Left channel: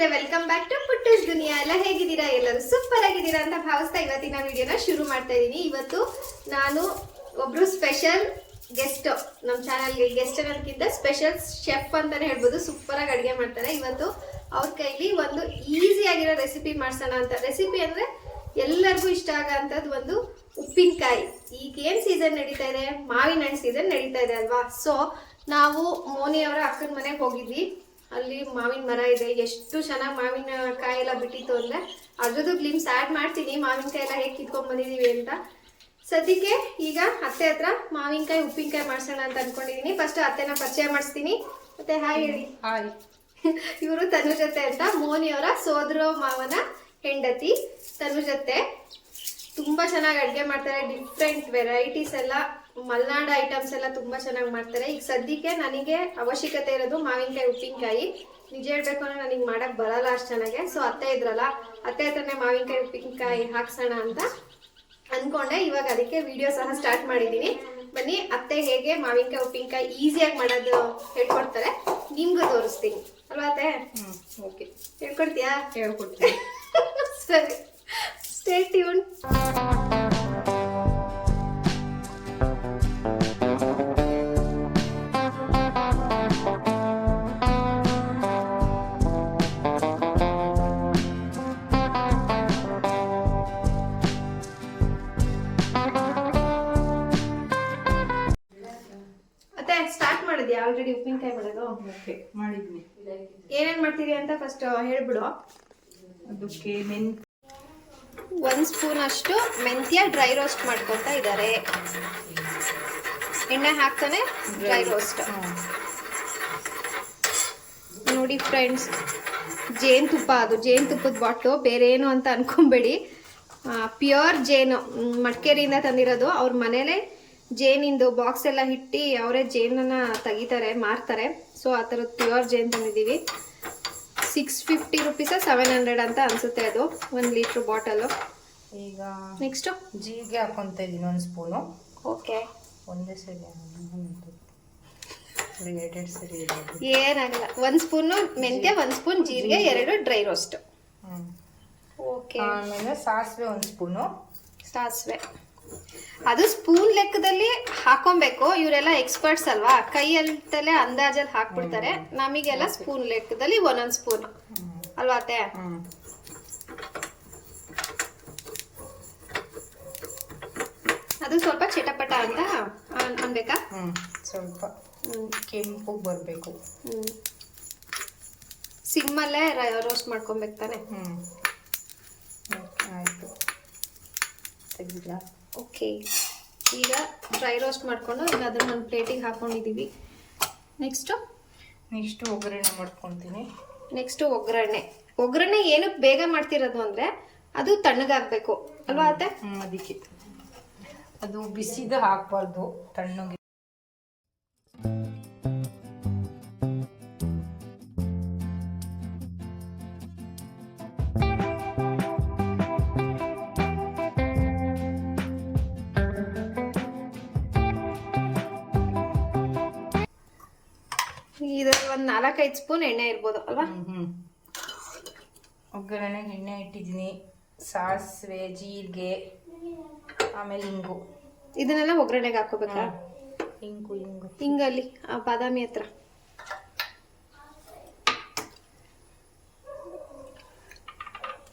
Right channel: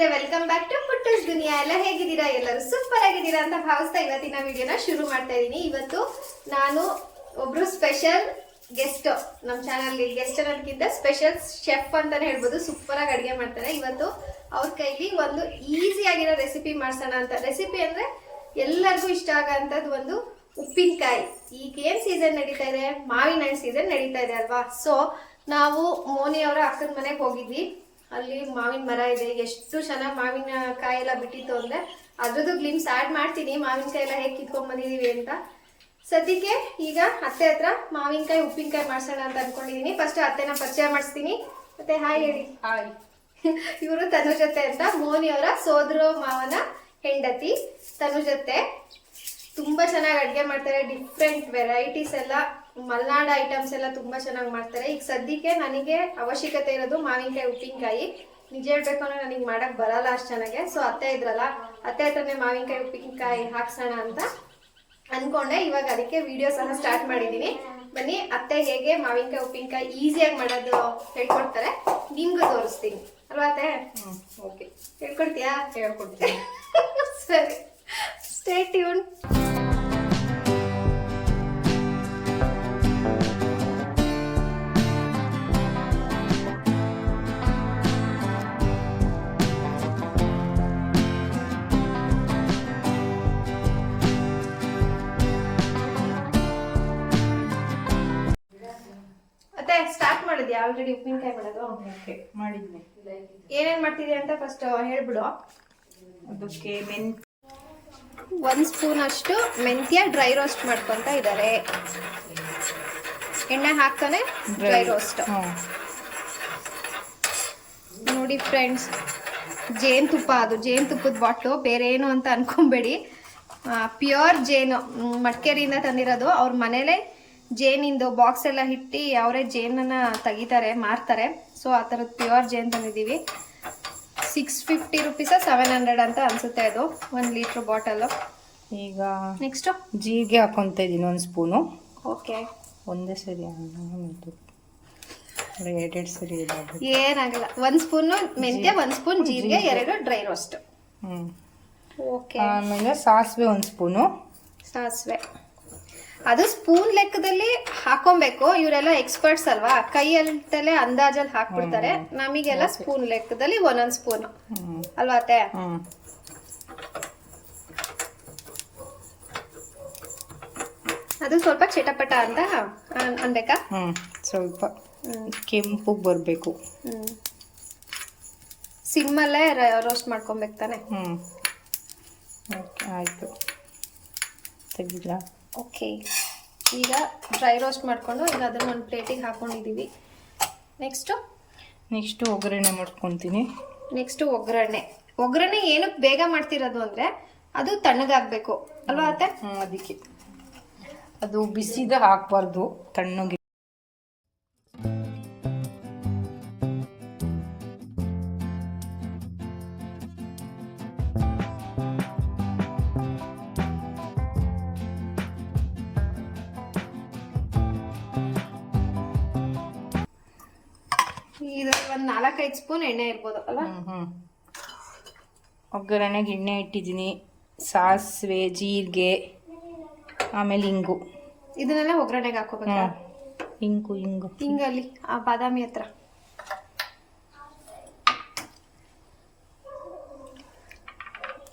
ಸ್ನೇಹಿತರೆ, welcome back to ಪುಟ್ಟೂಸ್ ದುನಿಯಾ. ಎಲ್ಲ ಹೇಗಿದ್ದೀರಾ? ಎಲ್ಲರೂ ಸೂಪರ್ ಆಗಿದ್ದೀರಾ ಅಂತ ಭಾವಿಸ್ತಾ ಇವತ್ತಿನ ವಿಡಿಯೋನ ಶುರು ಮಾಡ್ತಾ ಇದ್ದೀನಿ. ಇವತ್ತು ನಾನು ಒಬ್ರು ಸ್ಪೆಷಲ್ ಗೆಸ್ಟ್, ನಮ್ಮ ಚಾನಲ್ಗೆ ಗೆಸ್ಟ್ ಅನ್ನೋದಕ್ಕಿಂತ ಸ್ಪೆಷಲ್ ಶೆಫ್ ಅಂತಾನೆ ಹೇಳ್ಬೋದು. ಸೂಪರ್ ಆಗಿ ಅಡುಗೆ ಮಾಡ್ತಾರೆ. ಇವತ್ತು ಅವ್ರ ಕೈಲಿ ಒಂದು ಈಸಿ ಆಗಿರೋ ರೆಸಿಪಿ ಮಾಡ್ಸೋಣ ಅಂತ. ರೆಸಿಪಿ ಅಂದ್ರೆ ಎಲ್ಲರಿಗೂ ಇಷ್ಟ ಆಗೋಂಥದ್ದು ಒಂದು ಉಪ್ಪಿನಕಾಯಿ. ಈಗ ಏನ್ ಸೀಸನ್ ನಡೀತಾ ಇದೆ? ಮಾವಿನ ಹಣ್ಣು ಸೀಸನ್ ನಡೀತಾ ಇದೆ ಅಲ್ವಾ? ಸೊ ನಾವು ಮೋನಿ ಅವರ ಅಕ್ಕನ ಮನೆಗೆ ಹೋಗಿದ್ವಿ. ಅಲ್ಲಿ ಮಾವಿನ ಮರ ಇದೆ. ಎಷ್ಟು ಚೆನ್ನಾಗಿ ಮಾವಿನಕಾಯಿ ಎಲ್ಲ ಬಿಟ್ಟಿತ್ತು ಅಂದ್ರೆ ಅದ್ರದ್ದು ಗ್ಲಿಮ್ಸ್ ಆ್ಯಡ್ ಮಾಡ್ತೀನಿ, ಮಾವಿನಕಾಯಿ ಎಲ್ಲ ಹೇಗೆ ಕಿತ್ಕೊಂಡ್ ಬಂದಿದೀವಿ ಅಂತ. ಸದ್ಯಕ್ಕೆ ಈಗ ಅತ್ತೆ ಹತ್ರ ಮಾವಿನಕಾಯಿ ಉಪ್ಪಿನಕಾಯಿ ಮಾಡ್ಸೋಣ ಅಂತ ಅನ್ಕೊಂಡಿದೀನಿ. ಫಸ್ಟ್ ಅತ್ತೆನ ಪರಿಚಯ ಮಾಡಿಸ್ತೀನಿ. ಮತ್ತೆ ಹಾಯ್ ಹೇಳಿ. ಹಾಯ್. ಇವರು ತನುಜತೆ ಅಂತ, ಮೋನಿ ಅವರ ಸೋದರ ಮಾವನ ಹೆಂಡತಿ ತನುಜತೆ. ತುಂಬಾ ಚೆನ್ನಾಗಿ ಅಡುಗೆ ಮಾಡ್ತಾರೆ. ಡಿಫ್ರೆಂಟ್ ವೆರೈಟೀಸ್ ಎಲ್ಲ, ಮಲೆನಾಡು ಐಟಮ್ಸ್ ಎಲ್ಲ ತುಂಬಾ ಚೆನ್ನಾಗಿ ಮಾಡ್ತಾರೆ. ಈಗ ಸದ್ಯಕ್ಕೆ ನನಗೆ ಅವಶ್ಯಕತೆ ಇರೋದು ಮಾವಿನಕಾಯಿ ಉಪ್ಪಿನಕಾಯಿ. ನಿಜ ಹೇಳ್ಬೇಕು ಅಂದ್ರೆ ನನಗೆ ಮಾಡಕ್ ಬರಲ್ಲ ಅಷ್ಟು ಚೆನ್ನಾಗೆ. ಸೊ ಅತ್ತೆ ಇದ್ರಲ್ಲ, ಅತ್ತೆ ಹತ್ರನೇ ಮಾವಿನಕಾಯಿ ಉಪ್ಪಿನಕಾಯಿ ಹಾಕ್ಸೋಣ ಅಂತ ಅನ್ಕೊಂಡೆ. ಇವಾಗ ಅದಕ್ಕೆ ವಿಡಿಯೋ ಸಹ ಸ್ಟಾರ್ಟ್ ಮಾಡಿದ್ದೀನಿ. ಬನ್ನಿ ಅತ್ತೆ ಹೇಗೆ ಮಾವಿನಕಾಯಿ ಉಪ್ಪಿನಕಾಯಿ ಈಸಿಯಾಗಿ ಮಾಡೋದು ಹೇಳ್ಕೊಡ್ತಾರೆ, ನಿಮ್ಗೂ ತೋರಿಸ್ತೀನಿ ಅಲ್ವಾ ಅತ್ತೆ? ಓಕೆ, ಹೇಳ್ಕೊಡ್ತೀಯಾ? ಹೇಳ್ಕೊಡ್ತೀನಿ. ಸರಿ, ಸ್ಟೇ ಟ್ಯೂನ್. ಮತ್ತೆ ಸ್ಟಾರ್ಟ್ ಮಾಡಿದ್ಯಾ ಆಲ್ರೆಡಿ ಉಪ್ಪಿನಕಾಯಿ ಮಾಡೋದು? ಓಕೆ, ಮಾಡಿದ್ನಿ. ಏನೇನ್ ಮಾಡ್ತೀರಿ ಅಂತ ಫಸ್ಟ್ ಹೇಳ್ಬಿಡು. ಅದಕ್ಕೆ 1 ಸ್ಪೂನ್ ಅಷ್ಟು ಮೆಂತ್ಯ ಡ್ರೈ ರೋಸ್ಟ್ ಮಾಡ್ಕೊಂತ ಇದ್ದಾರೆ. ಎಣ್ಣೆ ಹಾಕ್ತಾನೆ ಡ್ರೈ ರೋಸ್ಟ್. ನೋಡಿ ಫ್ರೆಂಡ್ಸ್, ಜೇನುತುಪ್ಪ, ಅದು ಜೇನುತುಪ್ಪದ ಬಾಟ್ಲು, ಬೇರೆ ಏನು ಅಂತ ಅನ್ಕೊಂಬೇಡಿ. ಪ್ಯೂರ್ ಜೇನು, ಮಡಿಕೇರಿಯಿಂದ ತಂದಿರೋದು. ಅವ್ರ ಮನೇಲೆ ಜೇನಿಂದು ಬಾಕ್ಸ್ ಎಲ್ಲ ಇಟ್ಟು ಅವರೇ ಜೇನನ್ನ ತೆಗಿತಾರೆ, ಮಾರ್ತಾರೆ. ಸೊ ಆ ಥರದ್ದು ಪ್ಯೂರ್ ಜೇನು ತಂದಿದ್ದೀವಿ. 650 ರುಪೀಸ 700 ಅಂತ ಅನ್ಸುತ್ತೆ ಅದು 1 ಲೀಟ್ರ್ ಬಾಟಲ್. ಈಗ ನೆಕ್ಸ್ಟು ಜೀರಿಗೆ ಹಾಕೊಂತ ಇದ್ದೀನಿ 1 ಸ್ಪೂನು. ಓಕೆ, ಒಂದೇ ಸರಿ 2 ಸರಿ ಏನಾಗಲ್ಲ. 1 ಸ್ಪೂನು ಮೆಂತ್ಯ, 1 ಸ್ಪೂನ್ ಜೀರಿಗೆ, 2 ಡ್ರೈ ರೋಸ್ಟ್. ಓಕೆ, ಆಮೇಲೆ ಸಾಸಿವೆ 1 ಸ್ಪೂನು. ಸಾಸಿವೆ ಅದು ಸ್ಪೂನ್ ಲೆಕ್ಕದಲ್ಲಿ ಹಾಕೊಬೇಕು. ಇವರೆಲ್ಲ ಎಕ್ಸ್ಪರ್ಟ್ಸ್ ಅಲ್ವಾ, ಕೈಯಲ್ಲೇ ಅಂದಾಜಲ್ಲಿ ಹಾಕ್ಬಿಡ್ತಾರೆ. ನಮಗೆಲ್ಲ ಸ್ಪೂನ್ ಲೆಕ್ಕದಲ್ಲಿ 1 ಸ್ಪೂನ್ ಅಲ್ವಾ ಅತ್ತೆ? ಅದು ಸ್ವಲ್ಪ ಚಿಟಪಟ ಅಂತ ಅನ್ಬೇಕಾ? ಸ್ವಲ್ಪ ಕೆಂಪುಗೆ ಬರಬೇಕು. ಸಿಮ್ಮಲ್ಲೇ ರೋಸ್ಟ್ ಮಾಡ್ಕೊಬೇಕು ತಾನೆ? ಆಯಿತು, ತೆಗಿಲ್ಲ. ಓಕೆ, ಈಗ ಡ್ರೈ ರೋಸ್ಟ್ ಮಾಡಿಕೊಂಡು ಈಗ ಅದನ್ನು ಒಂದು ಪ್ಲೇಟಿಗೆ ಹಾಕ್ಕೊಂಡಿದ್ದೀವಿ. ನೆಕ್ಸ್ಟು ಒಗ್ಗರಣೆ ಮಾಡ್ಕೊತೀನಿ. ನೆಕ್ಸ್ಟು ಒಗ್ಗರಣೆ ಏನಕ್ಕೆ ಬೇಗ ಮಾಡ್ತಿರೋದು ಅಂದರೆ ಅದು ತಣ್ಣಗಾಗಬೇಕು ಅಲ್ವಾ ಅತ್ತೆ? ಅದಕ್ಕೆ ಅದು ಬಿಸಿದ ಹಾಕಬಾರ್ದು, ತಣ್ಣಗೆ. ಇದರಲ್ಲಿ ಒಂದು 4-5 ಸ್ಪೂನ್ ಎಣ್ಣೆ ಇರ್ಬೋದು ಅಲ್ವಾ? ಒಗ್ಗರಣೆಗೆ ಎಣ್ಣೆ ಇಟ್ಟಿದ್ದೀನಿ. ಸಾಸಿವೆ, ಜೀರಿಗೆ, ಆಮೇಲೆ ಇಂಗು. ಇದನ್ನೆಲ್ಲ ಒಗ್ಗರಣೆಗೆ ಹಾಕೋಬೇಕಾ? ಹಿಂಗಲ್ಲಿ ಆ ಬಾದಾಮಿ ಹತ್ರ.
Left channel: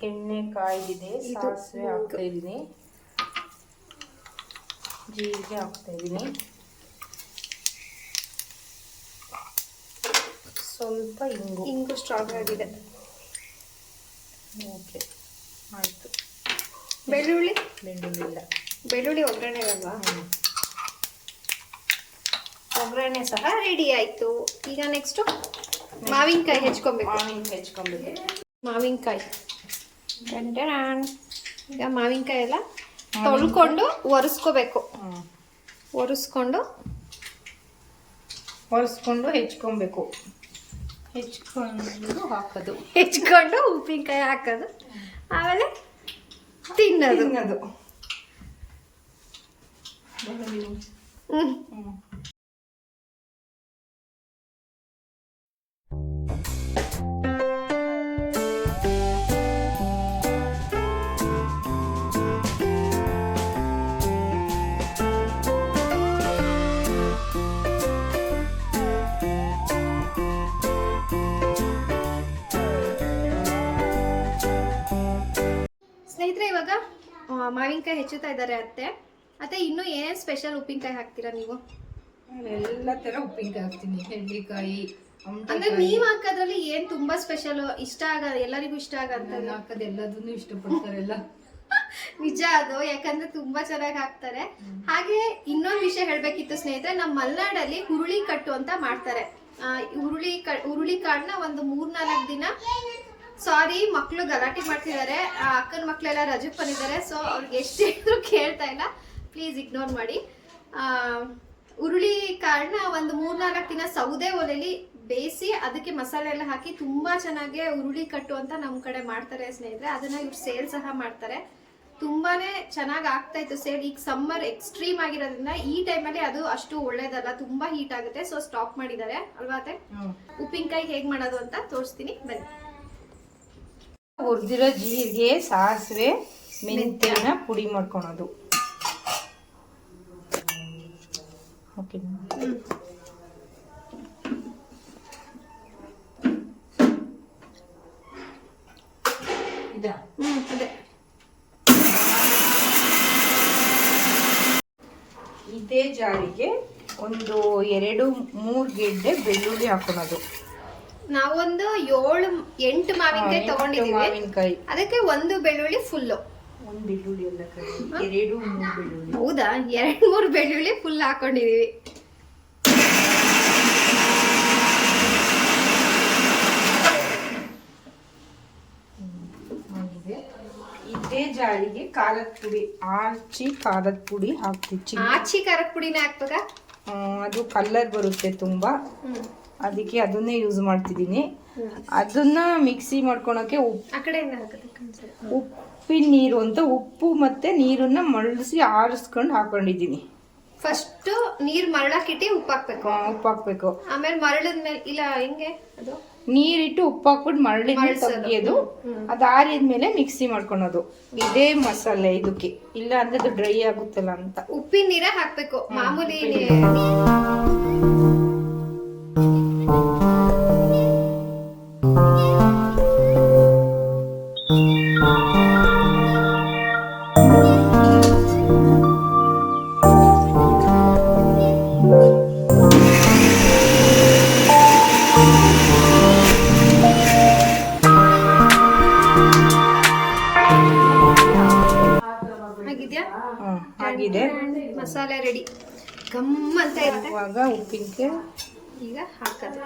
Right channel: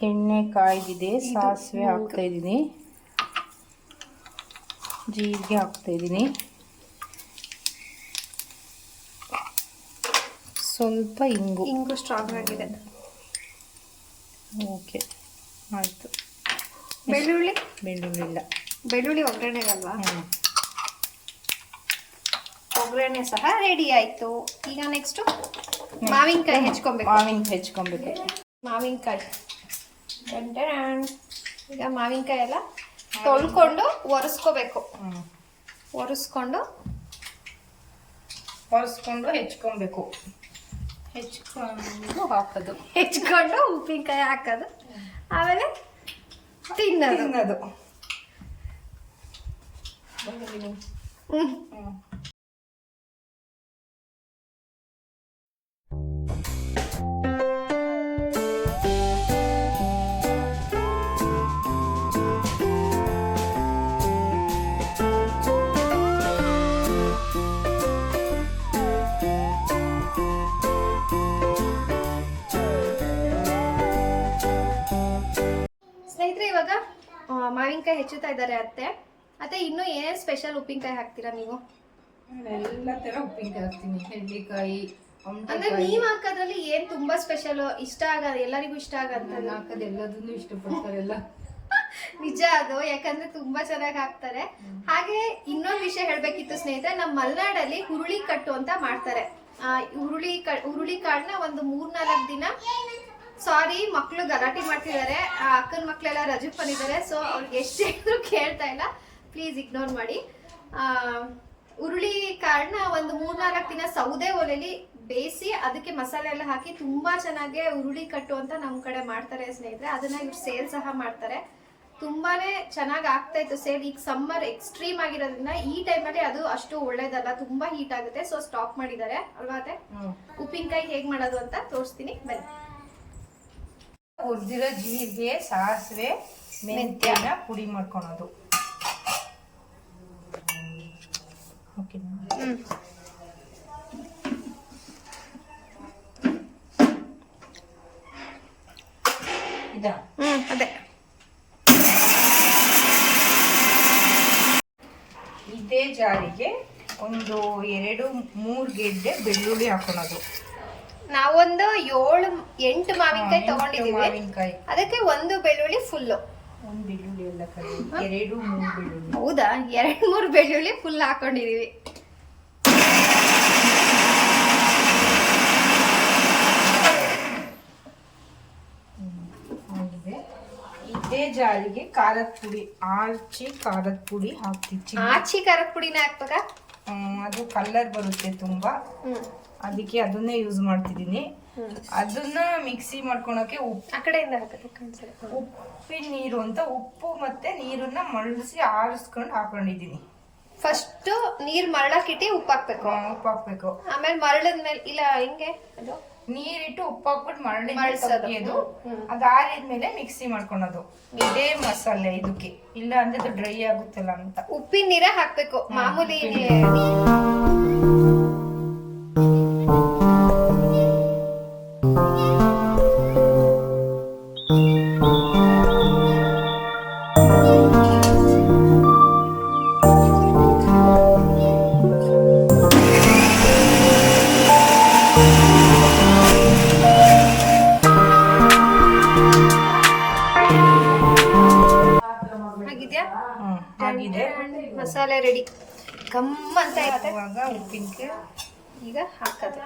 ಎಣ್ಣೆ ಕಾಯ್ದಿದೆ, ಸಾಸಿವೆ ಹಾಕ್ತಾ ಇದ್ದೀನಿ, ಜೀರಿಗೆ ಹಾಕ್ತಾ ಇದ್ದೀನಿ, ಸ್ವಲ್ಪ ಇಂಗು ಸ್ಟ್ರಾಂಗ್ ಆಗಿದೆ. ಓಕೆ, ಆಯಿತು. ಬೆಳ್ಳುಳ್ಳಿ ಇಲ್ಲ, ಬೆಳ್ಳುಳ್ಳಿ ಒಗ್ಗರಣೆಗಲ್ವಾ? ಒಗ್ಗರಣೆ ಸಹ ರೆಡಿ ಆಯಿತು. ಈಗ ನೆಕ್ಸ್ಟು ಮಾವಿನಕಾಯಿ ಹೆಚ್ಕೊಬೇಕು. ಮಾವಿನಕಾಯಿ ಈಗ ಮಾವಿನಕಾಯಿ ಎಲ್ಲ ತೊಳ್ಕೊಂಡು ಒರೆಸ್ಕೋಬೇಕು. ಒರೆಸ್ಕೊಂಡು ಹೆಚ್ಕೊಬೇಕು. ಹೆಚ್ಕೊಂಡು ಉಪ್ಪಿನಕಾಯಿ ಹಾಕೋದು, ಆಮೇಲೆ ತಿನ್ನೋದು. ಮಾವಿನಕಾಯಿ ಹೆಚ್ಚುತ್ತಾ ಇದ್ದಾರೆ ಅತ್ತೆ ಇನ್ನೂ ಏನೇನು ಸ್ಪೆಷಲ್ ಉಪ್ಪಿನಕಾಯಿ ಹಾಕ್ತೀರಾ ನೀವು? ಎಲ್ಲ ತರ ಉಪ್ಪಿನಕಾಯಿ ಹಾಕ್ತೀನಿ. ನೆಲ್ಲಿಕಾಯಿ ಅಂದ್ರೆ ನೀವ್ ಹಾಕೋದ್ರಲ್ಲಿ ಏನ್ ತುಂಬಾ ಸ್ಪೆಷಲ್ ಇಷ್ಟ ಎಲ್ಲರಿಗೂ ಇಷ್ಟ ಆಗಂತದ್ದು? ಹಾಕೋದು ಎಲ್ಲದನ್ನು ಇಷ್ಟಪಡ್ತಾರೆ ಎಲ್ಲ. ನಿಜ ಅದು, ಯಾಕಂದ್ರೆ ತುಂಬಾ ಚೆನ್ನಾಗಿ ಹಾಕ್ತಾರೆ. ಹಾಗೆ ಇನ್ನೊಂದು ವಿಷಯ ಹೇಳ್ಬೇಕಿತ್ತು ಸ್ನೇಹಿತರೆ, ನಮ್ಮ ಮಲೆನಾಡಲ್ಲಿ ಹುರುಳಿ ಕಟ್ಟು ಅಂತ ಮಾಡ್ತಾರೆ. ಹುರುಳಿ ಕಾಳನ್ನ ಒಂದು 3-4 ದಿನ, ಸಾರಿ ಮಕ್ಳು ಗಲಾಟೆ ಮಾಡ್ತಿದ್ದಾರೆ, ಅಕ್ಕನ ಮಕ್ಳೆಲ್ಲ ರಜಕ್ಕೆ ಬಂದಿದ್ದಾರೆ, ಸೊ ಅವ್ರಿಗೆ ಎಷ್ಟು ಹೇಳಿದ್ರು ಕೇಳ್ತಾ ಇಲ್ಲ, ಪ್ಲೀಸ್ ಇಗ್ನೋರ್ ಮಾಡಿ. ಹುರುಳಿ ಕಾಳನ್ನ ಒಂದು 3-4 ದಿನ ಸೌದೆ ಒಲೆಯಲ್ಲಿ ಬೇಯಿಸಿ ಅದಕ್ಕೆ ಮಸಾಲೆ ಎಲ್ಲ ಹಾಕಿ ತುಂಬಾ ಚೆನ್ನಾಗಿ ಹುರುಳಿ ಕಟ್ಟು ಅಂತ ನಮ್ಮ ಕಡೆ ಮಾಡ್ತಾರೆ ಸ್ನೇಹಿತರೆ. ಅದನ್ನ ಇವ್ರು ಸೇಲ್ ಸಹ ಮಾಡ್ತಾರೆ. ತುಂಬಾನೇ ಚೆನ್ನಾಗಿ ಆಗ್ತಾ ಇತ್ತು ಸೇಲ್. ಈಗ ಸಮ್ಮರ್ ಎಕ್ಸ್ಟ್ರೀಮ್ ಆಗಿರೋದ್ರಿಂದ ಈ ಟೈಮಲ್ಲಿ ಅದು ಅಷ್ಟು ಒಳ್ಳೇದಲ್ಲ, ತುಂಬಾ ಹೀಟ್ ಆಗುತ್ತೆ, ಸೊ ಸ್ಟಾಪ್ ಮಾಡಿದ್ದಾರೆ ಅಲ್ವಾ ಅತ್ತೆ? ಉಪ್ಪಿನಕಾಯಿ ಹೇಗ್ ಮಾಡೋದು ಅಂತ ತೋರಿಸ್ತೀನಿ ಬನ್ನಿ. ಹುರಿದಿರೋ ಜೀರಿಗೆ, ಸಾಸಿವೆ, ಮೆಂತ್ಯನ ಪುಡಿ ಮಾಡ್ಕೊಳೋದು. ಅದೇ ಇದೇ ಜಾರಿಗೆ ಒಂದು 2-3 ಗೆಡ್ಡೆ ಬೆಳ್ಳುಳ್ಳಿ ಹಾಕೋದು. ನಾವೊಂದು 7-8 ಮಾವಿನಕಾಯಿ ತಗೊಂಡಿದೀವಿ, ಅದಕ್ಕೆ ಒಂದು ಬೆಳ್ಳುಳ್ಳಿ ಫುಲ್ಲು. ಒಂದು ಬೆಳ್ಳುಳ್ಳಿ ಎಲ್ಲ 2-3 ಬೆಳ್ಳುಳ್ಳಿ. ಹೌದಾ? 2-3 ಬೆಳ್ಳುಳ್ಳಿ ಫುಲ್ ಹಾಕೊಂಡಿದೀವಿ. ಇದೇ ಜಾರಿಗೆ ಖಾರದ ಪುಡಿ, ಆಚಿ ಖಾರದ ಪುಡಿ ಹಾಕ್ತಿವಿ. ಆಚಿ ಖಾರದ ಪುಡಿನ ಹಾಕ್ಬೇಕಾ? ಅದು ಕಲರ್ ಬರುತ್ತೆ ತುಂಬಾ, ಅದಕ್ಕೆ ಅದನ್ನೇ ಯೂಸ್ ಮಾಡ್ತಿದ್ದೀನಿ. ಅದನ್ನ ಮಿಕ್ಸಿ ಮಾಡ್ಕೊಳಕ್ಕೆ ಆ ಕಡೆಯಿಂದ ಉಪ್ಪಿನ ನೀರು ಅಂತ ಉಪ್ಪು ಮತ್ತೆ ನೀರನ್ನ ಮರಳಿಸಿ ಆರಿಸ್ಕೊಂಡು ಹಾಕೊಂಡಿದ್ದೀನಿ. ಫಸ್ಟ್ ನೀರ್ ಮರಳಕ್ಕಿಟ್ಟು ಉಪ್ಪು ಹಾಕ್ಬೇಕು, ಆಮೇಲೆ ಮರಳದ್ಮೇಲೆ ಇಲ್ಲ ಹೆಂಗೆ ಅದು ನೀರಿಟ್ಟು ಉಪ್ಪು ಹಾಕ್ಬಿಟ್ಟು ಮರಳಿಸೋದು. ಅದು ಆರಿದ್ಮೇಲೆ ಮಿಕ್ಸಿ ಮಾಡ್ಕೊಳೋದು. ಇದೇ ಮಸಾಲೆ ಇದಕ್ಕೆ, ಇಲ್ಲ ಅಂದ್ರೆ ಅದು ಡ್ರೈ ಆಗುತ್ತಲ್ಲ ಅಂತ. ಉಪ್ಪಿನ ನೀರೇ ಹಾಕ್ಬೇಕು ಮಾಮೂಲಿ. ಆಗಿದೆ, ಮಸಾಲೆ ರೆಡಿ, ಗಮ್ ಅಂತ ಇರುತ್ತೆ. ಇವಾಗ ಉಪ್ಪಿನಕಾಯಿ ಈಗ ಹಾಕೋದು.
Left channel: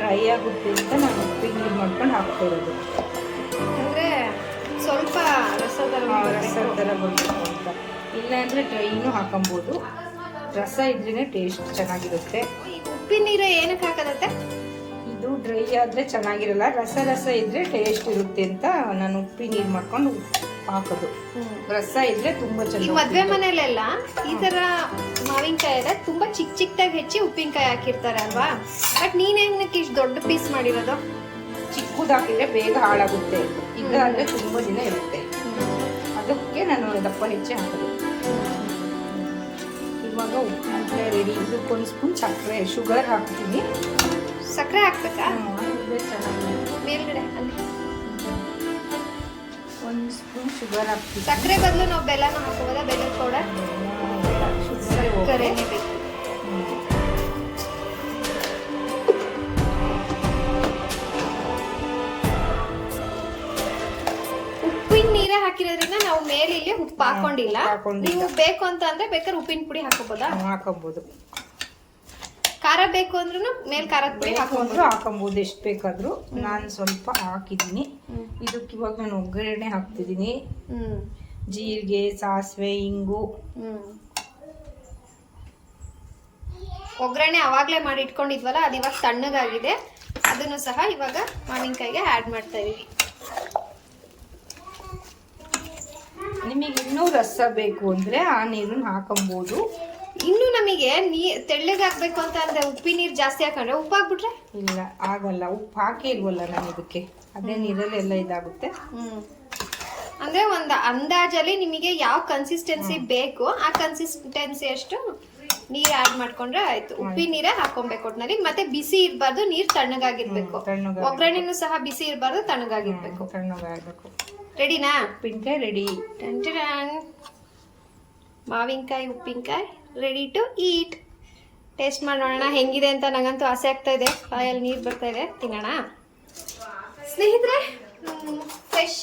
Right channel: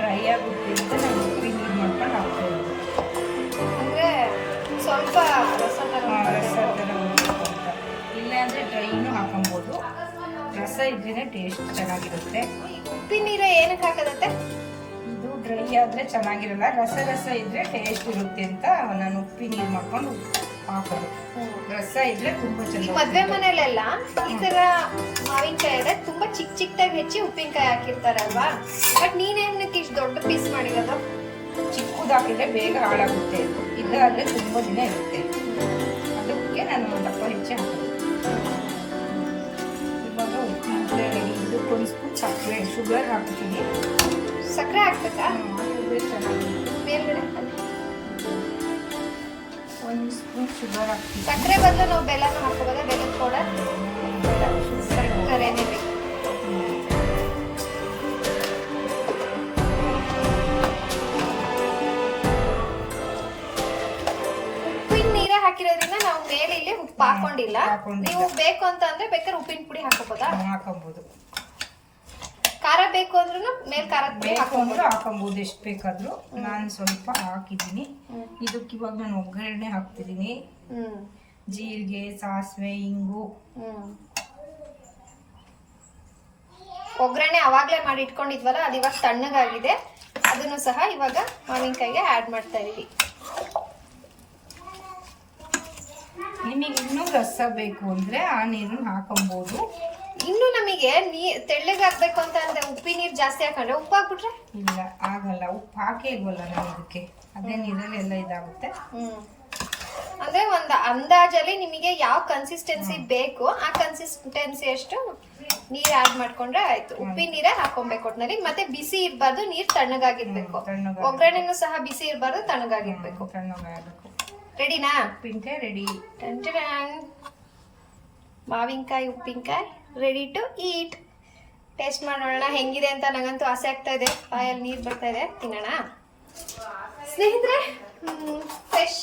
ಡ್ರೈ ಆಗುತ್ತೆ ಅಂತ ನಾನು ಉಪ್ಪಿನ ನೀರು ಮಾಡ್ಕೊಂಡು ಹಾಕ್ಕೊಳ್ಳೋದು. ಅಂದರೆ ಸ್ವಲ್ಪ ರಸ ಥರ ಇಲ್ಲ ಅಂದರೆ ಡ್ರೈನು ಹಾಕೊಬೋದು. ರಸ ಇದ್ರೇ ಟೇಸ್ಟ್ ಚೆನ್ನಾಗಿರುತ್ತೆ. ಉಪ್ಪಿನ ನೀರು ಏನಕ್ಕೆ ಹಾಕೋದತ್ತೆ? ಇದು ಡ್ರೈ ಆದರೆ ಚೆನ್ನಾಗಿರಲ್ಲ, ರಸ ಇದ್ರೆ ಟೇಸ್ಟ್ ಇರುತ್ತೆ ಅಂತ ನಾನು ಉಪ್ಪಿನ ನೀರು ಮಾಡ್ಕೊಂಡು ಹಾಕೋದು. ರಸ ಇದ್ರೆ ತುಂಬಾ ಚೆನ್ನಾಗಿ. ಮದ್ವೆ ಮನೇಲೆಲ್ಲ ಈ ತರ ಮಾವಿನಕಾಯಿ ತುಂಬಾ ಚಿಕ್ಕದಾಗಿ ಹೆಚ್ಚಿ ಉಪ್ಪಿನಕಾಯಿ ಹಾಕಿರ್ತಾರೆ ಅಲ್ವಾ? ಬಟ್ ನೀನೇನಕ್ಕೆ ಇಷ್ಟು ದೊಡ್ಡ ಪೀಸ್ ಮಾಡಿರೋದು? ಚಿಕ್ಕದಾಕಿದ್ರೆ ಬೇಗ ಹಾಳಾಗುತ್ತೆ, ಇದಾದ್ರೆ ತುಂಬಾ ದಿನ ಇರುತ್ತೆ, ಅದಕ್ಕೆ ನಾನು ದಪ್ಪ ಹೆಚ್ಚಿ ಹಾಕೋದು. ಇವಾಗ ಉಪ್ಪಿನಕಾಯಿ ರೆಡಿ. 1 ಸ್ಪೂನ್ ಸಕ್ಕರೆ, ಶುಗರ್ ಹಾಕ್ತೀನಿ. ಸಕ್ಕರೆ ಹಾಕ್ಬೇಕಾ? ಮೇಲ್ಗಡೆ 1 ಸ್ಪೂನ್ ಶುಗರ್ ಹಾಕ್ತೀನಿ. ಸಕ್ಕರೆ ಬದಲು ನಾವು ಬೆಲ್ಲನ ಹಾಕೋಬೋದಾ? ಬೆಲ್ಲದ ಪೌಡರ್, ಸಕ್ಕರೆ. ಉಪ್ಪಿನ ನೀರೇ ಹಾಕಿರೋದ್ರಿಂದ ನಾವು ಮೇಲೆ ಇಲ್ಲಿ ಉಪ್ಪು ಹಾಕೊಂಡಿಲ್ಲ. ನೀವು ಬೇಕು ಅಂತ ಅಂದ್ರೆ ಬೇಕಾದ್ರೆ ಉಪ್ಪಿನ ಪುಡಿ ಹಾಕೋಬೋದಾ? ಹಾಕೋಬಹುದು. ಖಾರ ಬೇಕು ಅಂದ್ರೂ ಮೇಲ್ ಖಾರದ ಪುಡಿ ಹಾಕೊಂಡ್ರು ಹಾಕೊಬಹುದು ಎಷ್ಟು ಬೇಕಾದ್ರೂ. ನಾನು ಸ್ವಲ್ಪ ಹಾಕಿದ್ದೀನಿ. ಇದಕ್ಕೆ ಇವಾಗ ನಾನು ಒಗ್ಗರಣೆ ಹಾಕ್ತಿದ್ದೀನಿ. ಜೀರಿಗೆ, ಸಾಸಿವೆ, ಇಂಗು. ಒಗ್ಗರಣೆ ಅವಾಗಲೇ ಮಾಡಿ ಇಟ್ಕೊಂಡಿದ್ವಲ್ಲ, ಅದು ಇವಾಗ ತಣ್ಣಗಾಗಿದೆ. ಅದನ್ನು ಸಹ ಇವಾಗ ಮಾವಿನಕಾಯಿಗೆ ಆ್ಯಡ್ ಮಾಡ್ತಾ ಇದೀವಿ. ನಿಮಗೆ ಇನ್ನೂ ರಸ ಬೇಕು ಅಂದ್ರೆ ಆ ನೀರನ್ನ ಹಾಕೊಬಹುದು. ಇನ್ನು ನಮಗೆ ತೆಳ್ಳಗಾಗ್ಬೇಕು ಅಂತ ಅಂದ್ರೆ ಉಪ್ಪಿ ನೀರು ಜಾಸ್ತಿ ಹಾಕೊಂಡ್ರೆ ಉಪ್ಪು ಹಾಕ್ಬಿಟ್ರೆ ಇಲ್ಲ ಆಗಲ್ಲ. ಉಪ್ಪು ಹಾಕೇ ಇಲ್ವಲ್ಲ ನಾನು ಇದಕ್ಕೆ, ಅದೇ ನೀರಲ್ಲಿ ಎಲ್ಲ ಇದಾಗುತ್ತೆ. ಅಂದ್ರೆ ಒಂದು ಅಂದಾಜಲ್ಲಿ ನಿಮಗೆ ಯಾವ ಕನ್ಸಿಸ್ಟೆನ್ಸಿ ಬೇಕು ಆ ಕನ್ಸಿಸ್ಟೆನ್ಸಿ ಅಷ್ಟು ನೀರ್ ಆಡ್ ಮಾಡ್ಕೊಂಡ್ರೆ ಆಯ್ತು. ಉಪ್ಪಿನ ನೀರೇ ಹಾಕೊಬೇಕು ಒಟ್ನಲ್ಲಿ. ಮತ್ತೆ ಬಿಸಿ ಇರಬಾರ್ದು, ನೀರ್ ತಣ್ಣಗಾಗಿರ್ಬೇಕು. ಒಗ್ಗರಣೆನೂ ಸಹ ಬಿಸಿ ಇರಬಾರ್ದು, ತಣ್ಣಗಾಗಿರ್ಬೇಕು. ರೆಡಿನಾ? ಉಪ್ಪಿನಕಾಯಿ ರೆಡಿ. ಮಾವಿನಕಾಯಿ ಉಪ್ಪಿನಕಾಯಿ ರೆಡಿ ಟು ಈಟ್. ಟೇಸ್ಟ್ ಮಾಡೋಣ ಹೆಂಗಿದೆ ಅಂತ. ನಂಗಂತೂ ಆಸೆ ಆಗ್ತಾ ಇದೆ, ಬಾಯಲ್ಲಿ ನೀರು ಬರ್ತಾ ಇದೆ. ತಿನ್ನೋಣ ಸ್ನೇಹಿತರೆ. ಫ್ರೆಶ್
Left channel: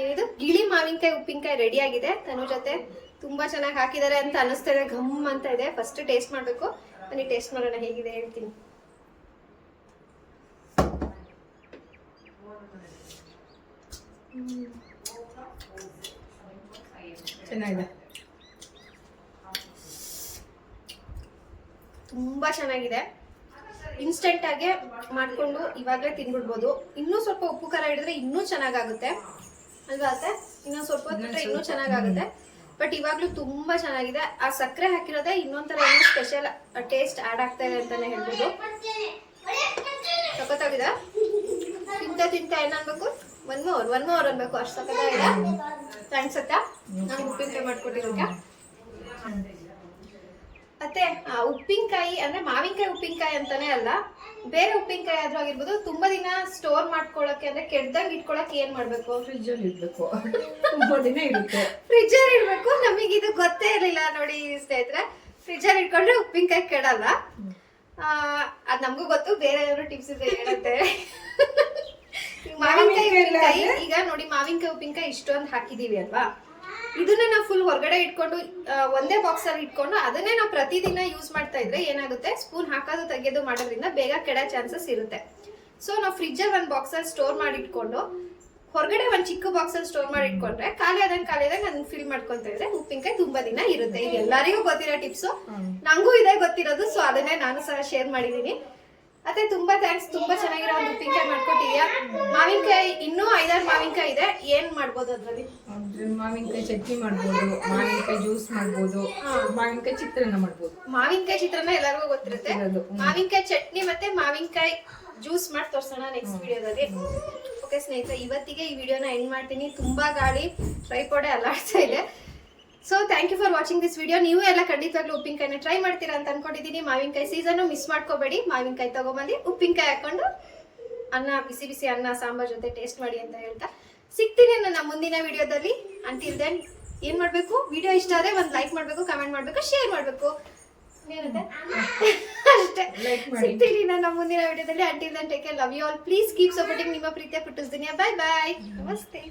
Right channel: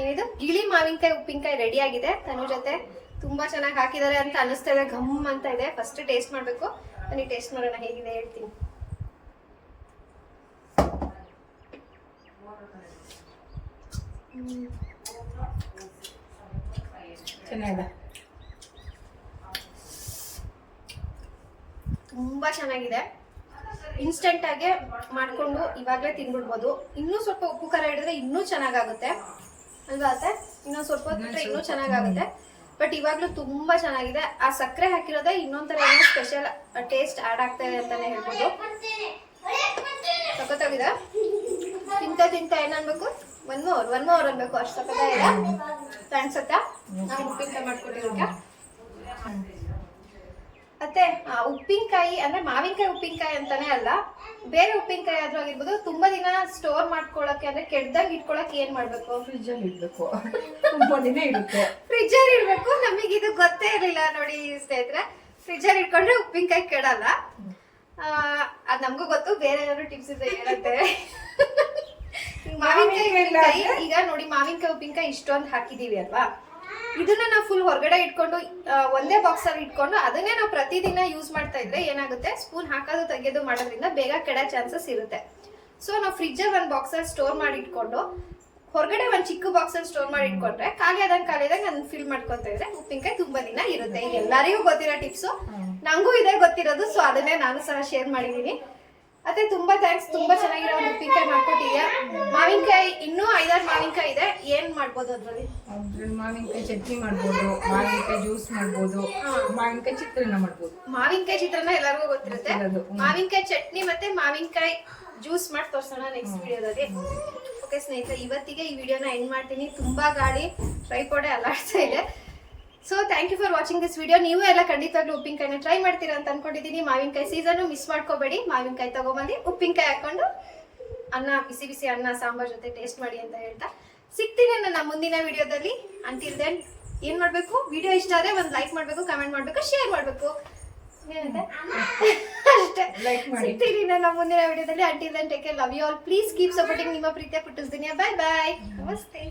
ಏನಿದು ಗಿಳಿ ಮಾವಿನಕಾಯಿ ಉಪ್ಪಿನಕಾಯಿ ರೆಡಿ ಆಗಿದೆ. ತನು ಜೊತೆ ತುಂಬಾ ಚೆನ್ನಾಗಿ ಹಾಕಿದ್ದಾರೆ ಅಂತ ಅನಿಸ್ತಾ ಇದೆ. ಘಮ್ ಅಂತ ಇದೆ. ಫಸ್ಟ್ ಟೇಸ್ಟ್ ಮಾಡಬೇಕು. ಬನ್ನಿ ಟೇಸ್ಟ್ ಮಾಡೋಣ ಹೇಗಿದೆ ಹೇಳ್ತೀನಿ. ಚೆನ್ನಾಗಿದೆ, ತುಂಬಾ ಚೆನ್ನಾಗಿದೆ. ಇನ್ಸ್ಟೆಂಟ್ ಆಗಿ ಮಾಡ್ಕೊಂಡು ಇವಾಗಲೇ ತಿನ್ಬಿಡ್ಬೋದು. ಇನ್ನೂ ಸ್ವಲ್ಪ ಉಪ್ಪು ಖಾರ ಹಿಡಿದ್ರೆ ಇನ್ನೂ ಚೆನ್ನಾಗಾಗುತ್ತೆ ಅಲ್ವಾ ಅತ್ತೆ? ಇನ್ನೊಂದು ಸ್ವಲ್ಪ ಹೊತ್ತು ಇನ್ನೂ ಚೆನ್ನಾಗಾಗುತ್ತೆ. ಬಟ್ ಇವಾಗ್ಲೂ ತುಂಬಾ ಚೆನ್ನಾಗಿದೆ. ಆ ಸಕ್ಕರೆ ಹಾಕಿರೋದೇ ಇನ್ನೊಂಥರ ಏನೋ ಸ್ಪೆಷಲ್ ಟೇಸ್ಟ್ ಆಡ್ ಆಗ್ತಾ ಇದೆ ಅಂತಾನೆ ಹೇಳ್ಬೋದು. ಸಖತ್ತಾಗಿದೆ. ತಿಂತ ಏನ್ ಅನ್ಬೇಕು, ಒನ್ ಮೋರ್ ಅನ್ಬೇಕು. ಅಷ್ಟು ಸಖತ್ತಾಗಿದೆ. ಥ್ಯಾಂಕ್ಸ್ ಅತ್ತ, ನಾನು ಉಪ್ಪಿನಕಾಯಿ ಮಾಡ್ಕೊಟ್ಟಿದ್ದಕ್ಕೆ. ಮತ್ತೆ ಉಪ್ಪಿನಕಾಯಿ ಅಂದ್ರೆ ಮಾವಿನಕಾಯಿ ಉಪ್ಪಿನಕಾಯಿ ಅಂತಾನೆ ಅಲ್ಲ, ಬೇರೆ ಉಪ್ಪಿನಕಾಯಿ ಆದ್ರೂ ಆಗಿರ್ಬೋದು. ತುಂಬಾ ದಿನ ಸ್ಟೋರ್ ಮಾಡ್ಕೊಳಕ್ಕೆ ಅಂದ್ರೆ ಕೆಡ್ದಂಗ್ ಇಟ್ಕೊಳಕ್ ಏನ್ ಮಾಡ್ಬೇಕು? ಫ್ರಿಜ್ ಅಲ್ಲಿ ಇಡ್ಬೇಕು. ತುಂಬಾ ದಿನ ಇರುತ್ತೆ ಫ್ರಿಜ್ ಅಲ್ಲಿ ಇಡ್ಬೇಕು. ನಮಗೆ ಇದು ಗೊತ್ತೇ ಇರ್ಲಿಲ್ಲ ನೋಡಿ ಸ್ನೇಹಿತರೆ. ಫ್ರಿಜ್ ಅಲ್ಲಿ ಇಟ್ಕೊಂಡ್ರೆ ಉಪ್ಪಿನಕಾಯಿ ಕೆಡಲ್ಲ. ಅದ್ ನಮಗೂ ಗೊತ್ತು. ಬೇರೆ ಏನಾದ್ರು ಟಿಪ್ಸ್ ಇದೆ ಹೇಳತ್ತೆ. ಮಾವಿನಕಾಯಿ ಉಪ್ಪಿನಕಾಯಿ ಈಗ ನೋಡಿ, ಮಾವಿನಕಾಯಿ ಉಪ್ಪಿನಕಾಯಿ ಇಷ್ಟೊಂದು ಹಾಕಿದೀವಿ ಅಲ್ವಾ, ಇದನ್ನ ನಾವು ಫುಲ್ ಹೊರಗಡೆ ಇಟ್ಕೊಂಡು ಒಂದೇ ಬಾಕ್ಸ್ ಅಲ್ಲಿ ಇಟ್ಕೊಂಡು ಅದನ್ನೇ ನಾವು ಪ್ರತಿದಿನ ಯೂಸ್ ಮಾಡ್ತಾ ಇದ್ರೆ ಏನಾಗುತ್ತೆ, ಸ್ಪೂನ್ ಹಾಕೋದು ತೆಗೆಯೋದು ಮಾಡೋದ್ರಿಂದ ಬೇಗ ಕೆಡೋ ಚಾನ್ಸಸ್ ಇರುತ್ತೆ. ಸೊ ನಾವು ಫ್ರಿಜ್ ಅಲ್ಲಿ ಒಂದು ಬಾಕ್ಸ್ ಅಲ್ಲಿ ಸ್ಟೋರ್ ಮಾಡಿ ಇಟ್ಕೊಂಡು ಹೊರಗಡೆ ಒಂದು ಚಿಕ್ಕ ಬಾಕ್ಸ್ ಅಲ್ಲಿ ಸ್ಟೋರ್ ಮಾಡಿ ಇಟ್ಕೊಂಡ್ರೆ ಖಾಲಿ ಆದಂಗೆ ಅದನ್ನ ಫಿಲ್ ಮಾಡ್ಕೊಂತ ಇದ್ರೆ ಉಪ್ಪಿನಕಾಯಿ ತುಂಬಾ ದಿನ ಇರುತ್ತೆ. ಈಗ ಎಲ್ಲರಿಗೂ ಗೊತ್ತಿರೋ ಟಿಪ್ಸು, ನಂಗೂ ಇದೇ ಗೊತ್ತಿರೋದು. ಸೊ ಅದನ್ನೇ ನಾನು ಸಹ ಶೇರ್ ಮಾಡಿದೀನಿ. ಮತ್ತೆ ತುಂಬಾ ಥ್ಯಾಂಕ್ಸ್. ತುಂಬಾ ಚೆನ್ನಾಗಿರೋ ಒಂದು ಉಪ್ಪಿನಕಾಯಿ ಮಾಡ್ಕೊಟ್ಟಿದ್ಯಾ. ಮಾವಿನಕಾಯಿ ಇನ್ನೂ 5-6 ಮಾವಿನಕಾಯಿ ಇದೆ. ಏನ್ ಮಾಡ್ಬೋದು ಅದ್ರಲ್ಲಿ? ಮಾವಿನಕಾಯಿ ಚಟ್ನಿ ಮಾಡ್ಬೋದು, ಮಾವಿನಕಾಯಿ ಜ್ಯೂಸ್ ಮಾಡ್ಬೋದು, ಮಾವಿನಕಾಯಿ ಚಿತ್ರಾನ್ನ ಮಾಡ್ಬೋದು. ಮಾವಿನಕಾಯಿ ಚಿತ್ರಾನ್ನ ಎಲ್ಲರಿಗೂ ಗೊತ್ತಿರುತ್ತೆ. ಮಾವಿನಕಾಯಿ ಚಟ್ನಿ ಮತ್ತೆ ಮಾವಿನಕಾಯಿ ಜ್ಯೂಸ್ ಮಾಡಿ ತೋರ್ಸೋಣ ನೆಕ್ಸ್ಟ್ ವಿಡಿಯೋದಲ್ಲಿ. ಓಕೆ ಸ್ನೇಹಿತರೆ, ಇವತ್ತಿಗೆ ಈ ವಿಡಿಯೋನ ಎಂಡ್ ಮಾಡ್ತೀನಿ. ತುಂಬಾ ಗಾಳಿ, ಟ್ರೈಪಾಡ್ ಅಲ್ಲಾಡ್ತಾ ಇದೆ. So thank you for watching this video. ನೀವು ಎಲ್ಲ ಖಂಡಿತವಾಗ್ಲೂ ಉಪ್ಪಿನಕಾಯಿನ ಟ್ರೈ ಮಾಡ್ತೀರಾ ಅಂತ ಅನ್ಕೊಂಡಿದ್ದೀನಿ. ಮಾವಿನಕಾಯಿ ಸೀಸನ್ನು ಮಿಸ್ ಮಾಡ್ಕೋಬೇಡಿ. ಮಾವಿನಕಾಯಿ ತಗೊಬಂದು ಉಪ್ಪಿನಕಾಯಿ ಹಾಕೊಂಡು ಅನ್ನ, ಬಿಸಿ ಬಿಸಿ ಅನ್ನ ಸಾಂಬಾರ್ ಜೊತೆ ಟೇಸ್ಟ್ ಮಾಡಿ ಅಂತ ಹೇಳ್ತಾ ಸಿಗ್ತೀನಿ ನನ್ನ ಮುಂದಿನ ವಿಡಿಯೋದಲ್ಲಿ. ಅಂಟಿಲ್ ದೆನ್ ಏನ್ ಮಾಡ್ಬೇಕು, ವಿಡಿಯೋ ಇಷ್ಟ ಆದ್ರೆ ಒಂದು ಲೈಕ್ ಮಾಡ್ಬೇಕು, ಕಮೆಂಟ್ ಮಾಡ್ಬೇಕು, ಶೇರ್ ಮಾಡ್ಬೇಕು. ಅಷ್ಟೇ. ಸಿಗ್ತೀನಿ ನನ್ನ ಮುಂದಿನ ವಿಡಿಯೋದಲ್ಲಿ. Until then take care, love you all. Please keep supporting. ನಿಮ್ಮ ಪ್ರೀತಿಯ ಪುಟ್ಟುಸ್ ದುನಿಯಾ. ಬಾಯ್ ಬಾಯ್, ನಮಸ್ತೆ.